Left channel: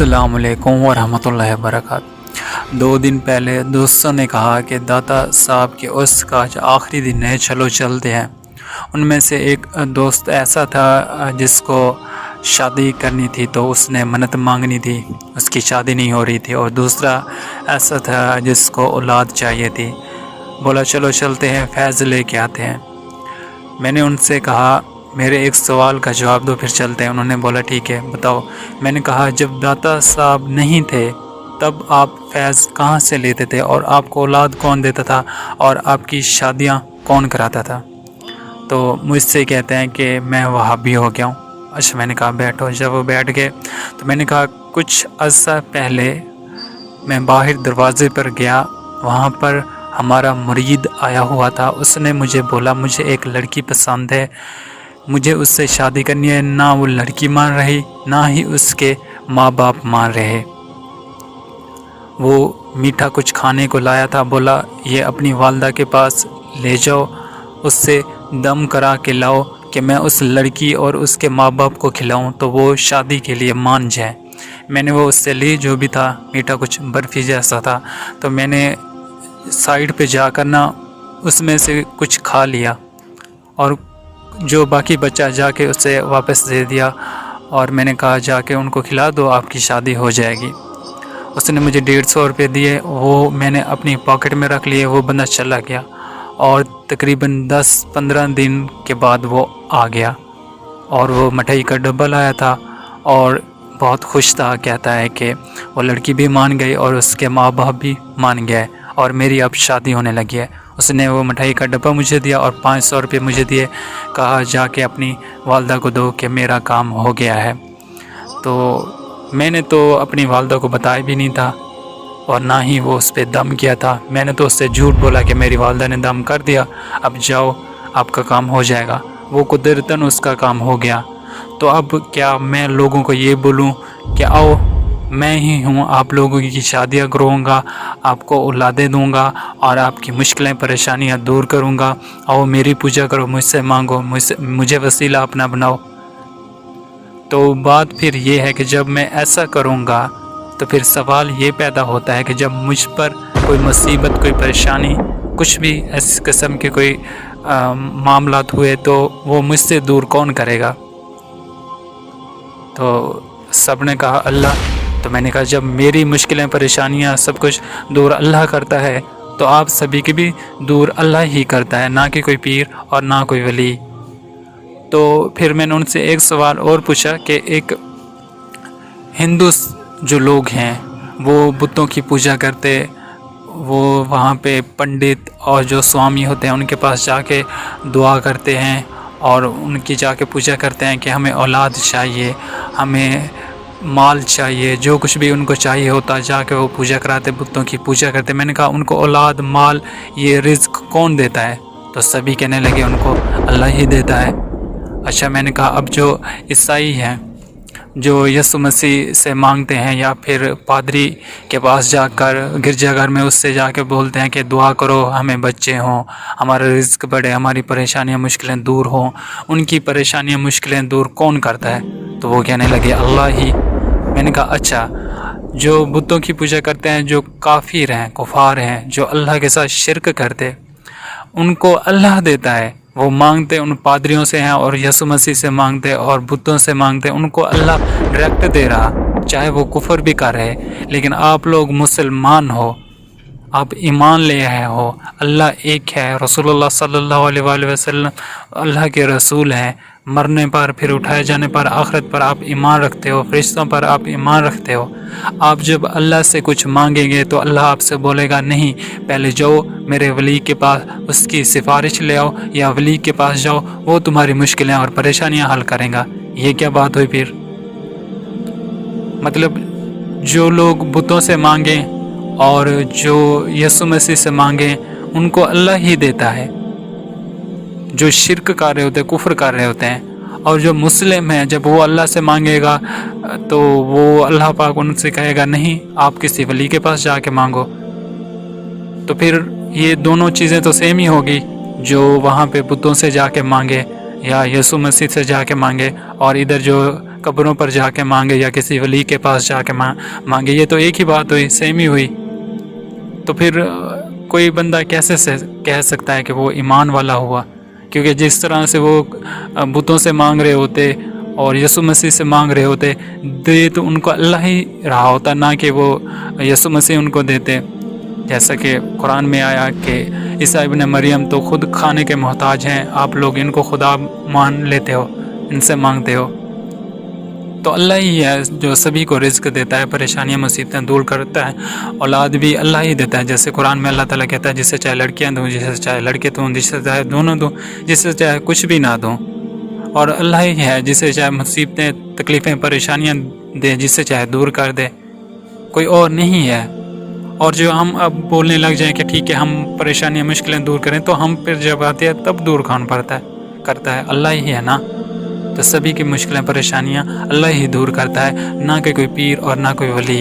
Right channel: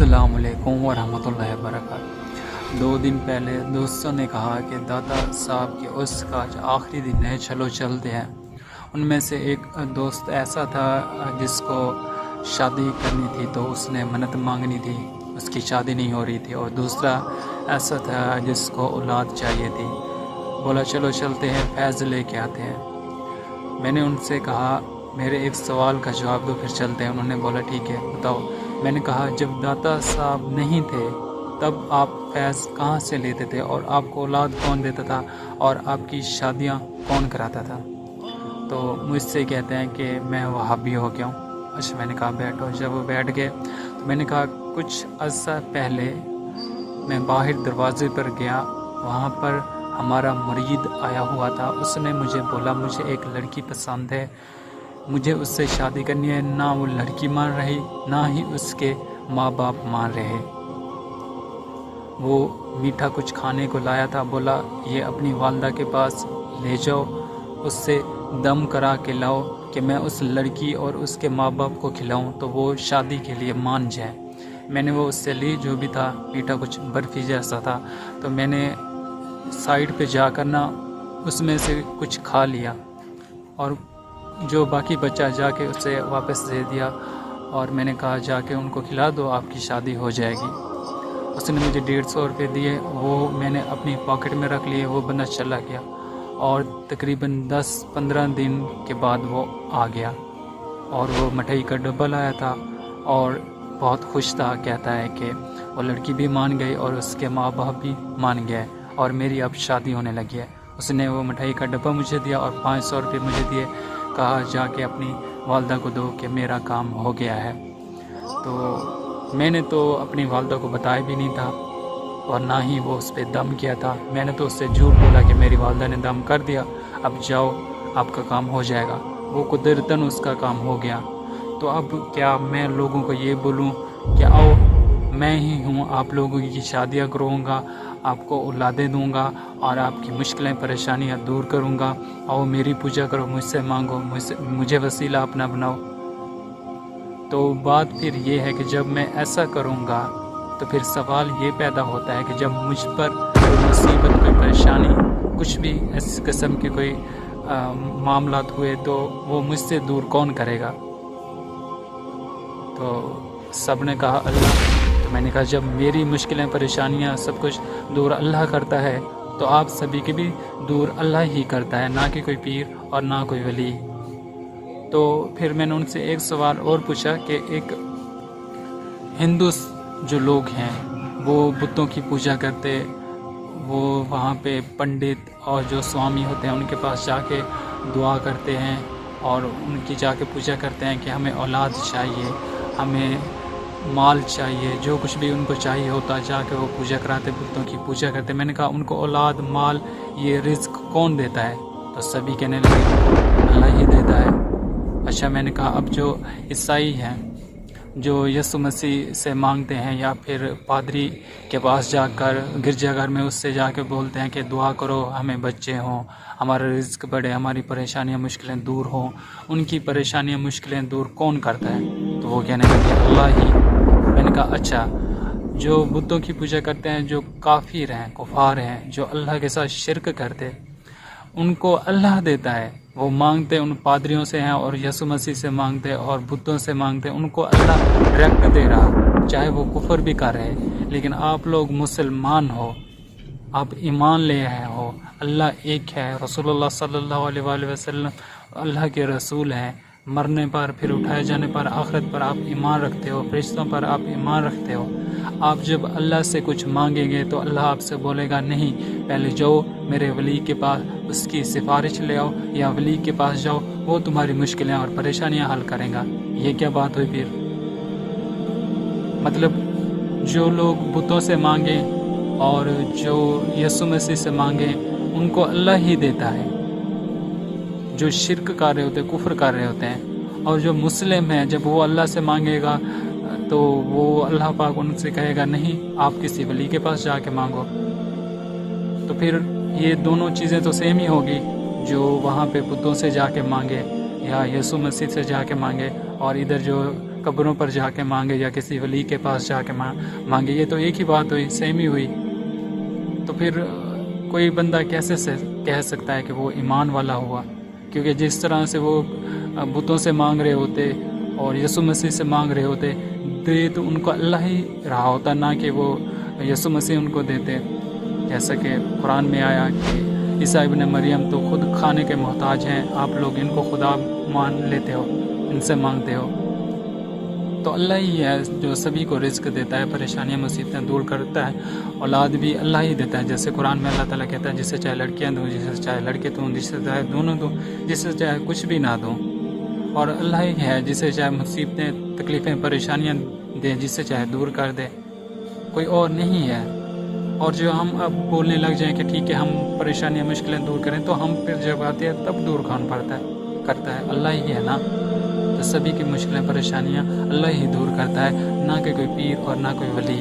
अस्सलाम वालेकुम वरहमतुल्लाहि वबरकातुहू। 2 दिन पहले दोस्तों ने कहा कि दाता साहब के उर्स का आज आखिरी दिन है, चलो चलते हैं। उनमें से एक दोस्त ऐसा था जिसको शादी करनी थी, तो उसने मन्नत मांगनी थी, उसकी शादी नहीं हो रही थी। और दूसरा ऐसा था जिसको औलाद चाहिए थी। बोला चलो चलते हैं, फैज़ लेके आते हैं। मैंने उनसे कहा मेरे एक सवाल का जवाब दो, फिर चलते हैं। उन्होंने बोला ठीक है, बताओ। मैंने कहा जब दाता साहब नहीं थे तब आप फैज़ कहाँ से लेते थे, और आपको औलाद कौन देता था, और आपकी शादियाँ कौन कराता था? तो मुझसे कहते हैं कि मैं वहाबी हो गया हूँ। अच्छा, मैंने कहा बैठो। जब वो बैठ गए तो मैंने कहा कुछ अर्सा पहले मैं बाहर दरवाज़े पर गया, वहाँ पर हमारा मुरीद आया हुआ था। उसने मुझे बोला मुझे एक लड़की पसंद है, मुझे उससे शादी करनी है। ना वो लड़की मान रही, ना ही उसके माँ बाप मान रहे। वो मीठा कुछ खाने को लाया था, बोला ये अपनी वालदा के पास ले जाओ, उससे दम करा के लाओ कि मैं उस लड़की और उसके माँ बाप को खिलाऊं तो वो शादी के लिए मान जाए। मैंने वो उससे ली, जो भी था मीठा कुछ बर्फ़ी जैसा था। तो मैंने साइड पे जाकर ना उसमें से कुछ खा लिया, और जो बाकी बचा जाके उसे वापस दे दिया, और मैंने कहा जाके उनको खिला दो, आपकी शादी हो जाएगी। उसने मुझे 150 रुपये दिए, वो मैंने अपनी पॉकेट में रख लिए। वो बंदा चला गया, और तकरीबन 10-15 दिन के बाद वो आ गया, और वो मिठाई का डब्बा लाया था और बहुत खुश था। कहता है कि वो लड़की भी मान गई और उसके माँ बाप भी मान गए, और मेरी अब शादी होने लगी है। उसने वो मिठाई का डब्बा मुझे दिया और 500 रुपये मुझे दिए, कहा जाके अपनी वालदा को दो कि मेरा काम हो गया है। तो मैंने तो अपनी वालदा को बताया भी नहीं था, और ना ही वो उस पर दम किया था। मैंने तो उससे झूठ बोला कि मेरी वालदा ने दम कर दिया, अब जाओ आपका काम हो जाएगा। वो कुदरतन उसका काम हो गया। तो अब क्या मैं लोगों को ये बोलूँ कि आओ मैं ही हूँ आप लोगों की शादियाँ करूँगा, आपको औलादें दूँगा, और आपकी मुश्किलें परेशानियाँ दूर करूँगा। आओ मेरी पूजा करो, मुझसे मांगो, मुझे वसीला अपना बनाओ। तो बात फिर ये है कि जब मैं ऐसा करूँगा तो फिर सवाल ये पैदा होता है कि जब मुझ पर कोई मुसीबत, कोई परेशानी, कुछ भी इस किस्म के कोई मामलात हुए तो वो मुझसे दूर कौन करेगा? तो सब ने कहा अल्लाह। तो मैंने कहा जब मेरी मुश्किलें, परेशानियां, सब कुछ दूर अल्लाह करता है तो आप सभी की भी दूर अल्लाह ही करता है, ना कि कोई पीर और ना कोई वली। तो फिर मैंने उनसे एक सवाल और पूछा कि एक हिंदू जो लोग हैं वो बुतों की पूजा करते, वो वहाँ पे पंडित और जो स्वामी होते हैं उनके पास जाके दुआ करते हैं, और उनकी जाके पूजा करते हैं कि हमें औलाद चाहिए, हमें माल चाहिए, जो कुछ भी उनको चाहिए होता जाके वो पूजा कराते, बुतों की पूजा करते। मैंने कहा उनको औलाद, माल, ये रिज़्क कौन देता है? तो सभी कहने लगे उनको अल्लाह ही देता है। अच्छा, मैंने कहा अब जो ईसाई हैं, जो यीशु मसीह से मांगते हैं, या फिर पादरी के पास जाकर गिरजाघर में उससे जाके बोलते हैं कि दुआ करो हमें बच्चे हों, हमारा रिज़्क बढ़े, हमारी परेशानियां, मुश्किलें दूर हों, उनकी परेशानियां, मुश्किलें दूर कौन करता है? तो वो कहने लगे अल्लाह ही। मैंने कहा अच्छा, जो बुतों की पूजा करते हैं, जो काफिर हैं, कुफार हैं, जो अल्लाह के साथ शिरक करते, उनको अल्लाह देता है। वो मांगते उन पादरियों से हैं और यीशु मसीह से मांगते और बुतों से मांगते, उनको अल्लाह डायरेक्ट दे रहा, चाहे वो कुफर भी कर रहे। लेकिन आप लोग मुसलमान हो, आप ईमान ले आए हो, अल्लाह एक है, रसूलुल्लाह सल्लल्लाहु अलैहि वसल्लम अल्लाह के रसूल हैं, मरने पर, फिर उठाए जाने पर, आखिरत पर आप ईमान रखते हो, फरिश्तों पर आप ईमान रखते हो। आप जब अल्लाह से कुछ मांगेंगे तो अल्लाह आपसे बोलेगा नहीं, पहले जाओ मेरे वली के पास, उसकी सिफारिश ले आओ, या वली के पास जाओ, वो तुम्हारी मुश्किलें और परेशानियां हल करेगा। ये क्या बात हुई फिर? मतलब जो लोग बुतों से मांगें और जो यीशु मसीह से मांगें, उनको अल्लाह ही देता है। जो शिरक कर रहे होते हैं, कुफ्र कर रहे होते हैं, और जो मुस्लिम हैं, जब वो अल्लाह से मांगेगा तो वो अल्लाह पाक उनसे कहेगा नहीं, आप किसी वली के पास जाके मांगो। तो फिर ये दोनों चीज़ें तो सेम ही होगी, जो वहाँ पे बुतों से जाके मांगे या यीशु मसीह से जाके मांगे, और इधर जो قبروں پر جا کے مانگے یا کسی ولی کے پاس جا کے مانگے، یہ تو ایک ہی بات ہوئی، سیم ہی ہوئی۔ تو پھر کوئی بندہ کیسے سے کہہ سکتا ہے کہ وہ ایمان والا ہوا؟ کیونکہ جس طرح سے وہ بتوں سے مانگ رہے ہوتے اور یسوع مسیح سے مانگ رہے ہوتے، دے تو ان کو اللہ ہی رہا ہوتا، نہ کہ وہ یسوع مسیح ان کو دیتے۔ جیسا کہ قرآن میں آیا کہ عیسیٰ ابن مریم تو خود کھانے کے محتاج ہیں، آپ لوگ ان کو خدا مان لیتے ہو، ان سے مانگتے ہو۔ تو اللہ ہی ہے جو سبھی کو رزق دیتا ہے، پریشانیاں مصیبتیں دور کرتا ہے، اولاد بھی اللہ ہی دیتا ہے۔ جیسے قرآن میں اللہ تعالیٰ کہتا ہے جسے چاہے لڑکیاں دوں، جسے چاہے لڑکے دوں، جسے چاہے دونوں دوں، جسے چاہے کچھ بھی نہ دوں۔ اور اللہ ہی ہے جسے چاہے مصیبتیں، تکلیفیں، پریشانیاں دے، جسے چاہے دور کر دے، کوئی اور نہیں ہے۔ اور جو ہم اب بولنے لگ جائیں کہ ٹھیک ہے ہم پریشانیاں مشکلیں دور کریں، تو ہم پھر جب آتے ہیں تب دور کون کرتا ہے؟ اللہ ہی ہے نا۔ تو سبھی کی مشکلیں، پریشانیاں اللہ ہی دور کرتا ہے، نہ کہ کوئی پیر اور نہ کوئی ولی۔